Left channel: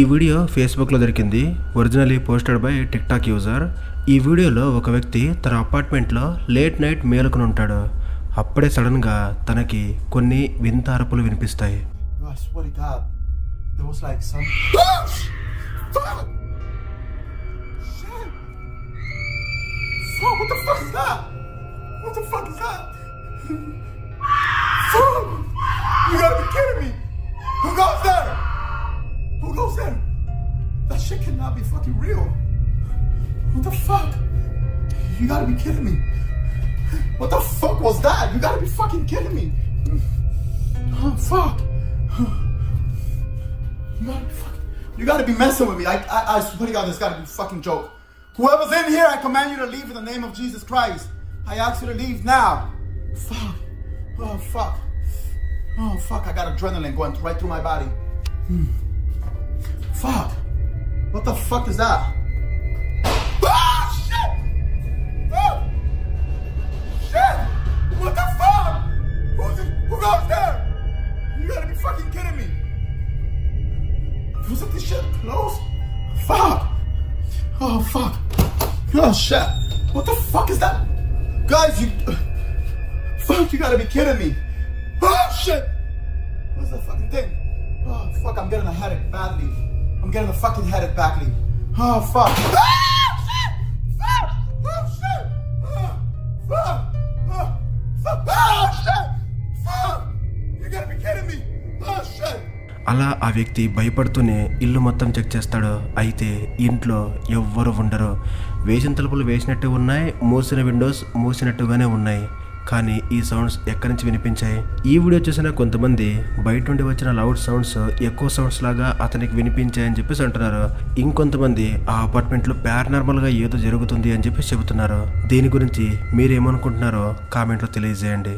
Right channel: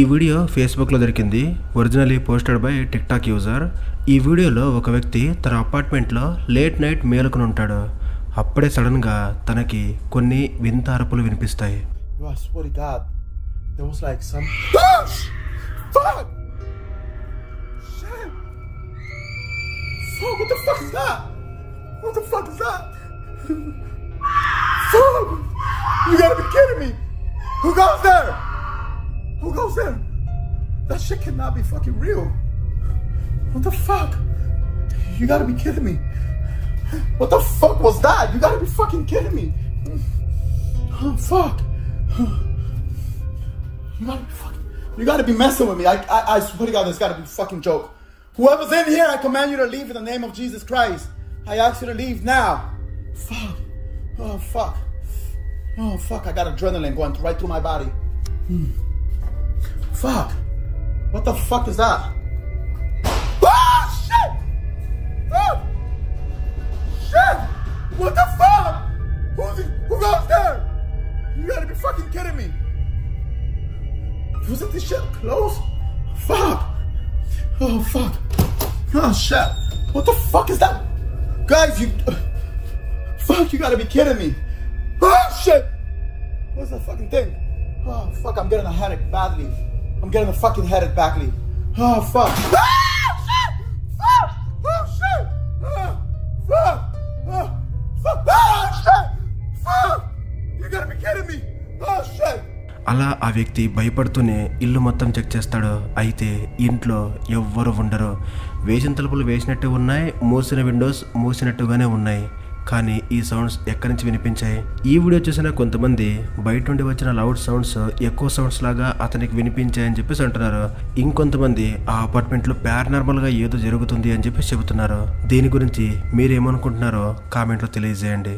ఈ వీడియో ఫేస్బుక్లో దొరికింది. Originally posted by tick talk user. ఈ వీడియోలో ఒక వ్యక్తి తన అపార్ట్మెంట్లో లేట్ నైట్ మేలుకుని ఉంటాడు. అప్పుడే సడన్గా తనకి కొన్ని వింత అరుపులు వినిపిస్తాయి. Who goes there? That shit cannot be fucking real. What the fuck? You gotta be kidding me. What the fuck was that? You gotta be fucking kidding me. Oh, fuck. You gotta be messing with me. I swear to God, this gotta be a fucking joke. Whoever's in here, I command you to leave in the name of Jesus Christ. I ask you to leave now. Fuck. Oh, fuck. Oh, fuck. I got adrenaline going right through my body. Fuck. What the fuck is that? Oh, shit! Oh! Shit! What the fuck? Who goes there? You gotta be fucking kidding me. Wasn't this shit close? Fuck! Oh, fuck. Oh, shit. What the fuck is that? Guys, fuck, you gotta be kidding me. Oh, shit! What's that fucking thing? Oh, fuck, I'm getting a headache badly. I'm getting a fucking headache badly. Oh, fuck. Ah, shit! Fuck! Oh, shit! Oh, fuck! Oh, fuck! Oh, shit! Fuck! You gotta be kidding me! Oh, shit! అలా ఆ వ్యక్తి భయపడుతూనే ఇల్లు మొత్తం చెక్ చేస్తాడు. అయితే ఇంట్లో ఎవ్వరు ఉండరు. వేసిన తలుపులు వేసినట్టు ఉన్నాయి, మూసిన విండోస్ మూసినట్టుగానే ఉన్నాయి. కానీ ఈ సౌండ్స్ ఎక్కడి నుంచి వినిపించాయి? ఈ వీడియో చూసిన కొంతమంది బయట నుండి వచ్చిన లౌడ్ సౌండ్స్ ఎక్కువ సౌండ్స్ లాగా అతనికి వినిపించాయని చెప్పేసి అంటున్నారు. ఇంకొంతమంది ఆ అపార్ట్మెంట్లో పారానార్మల్గా ఏదో జరుగుతుంది అని చెప్పేసి చెబుతున్నారు. దీని గురించి మీరేమనుకుంటున్నారో కామెంట్లో తెలియజేయండి.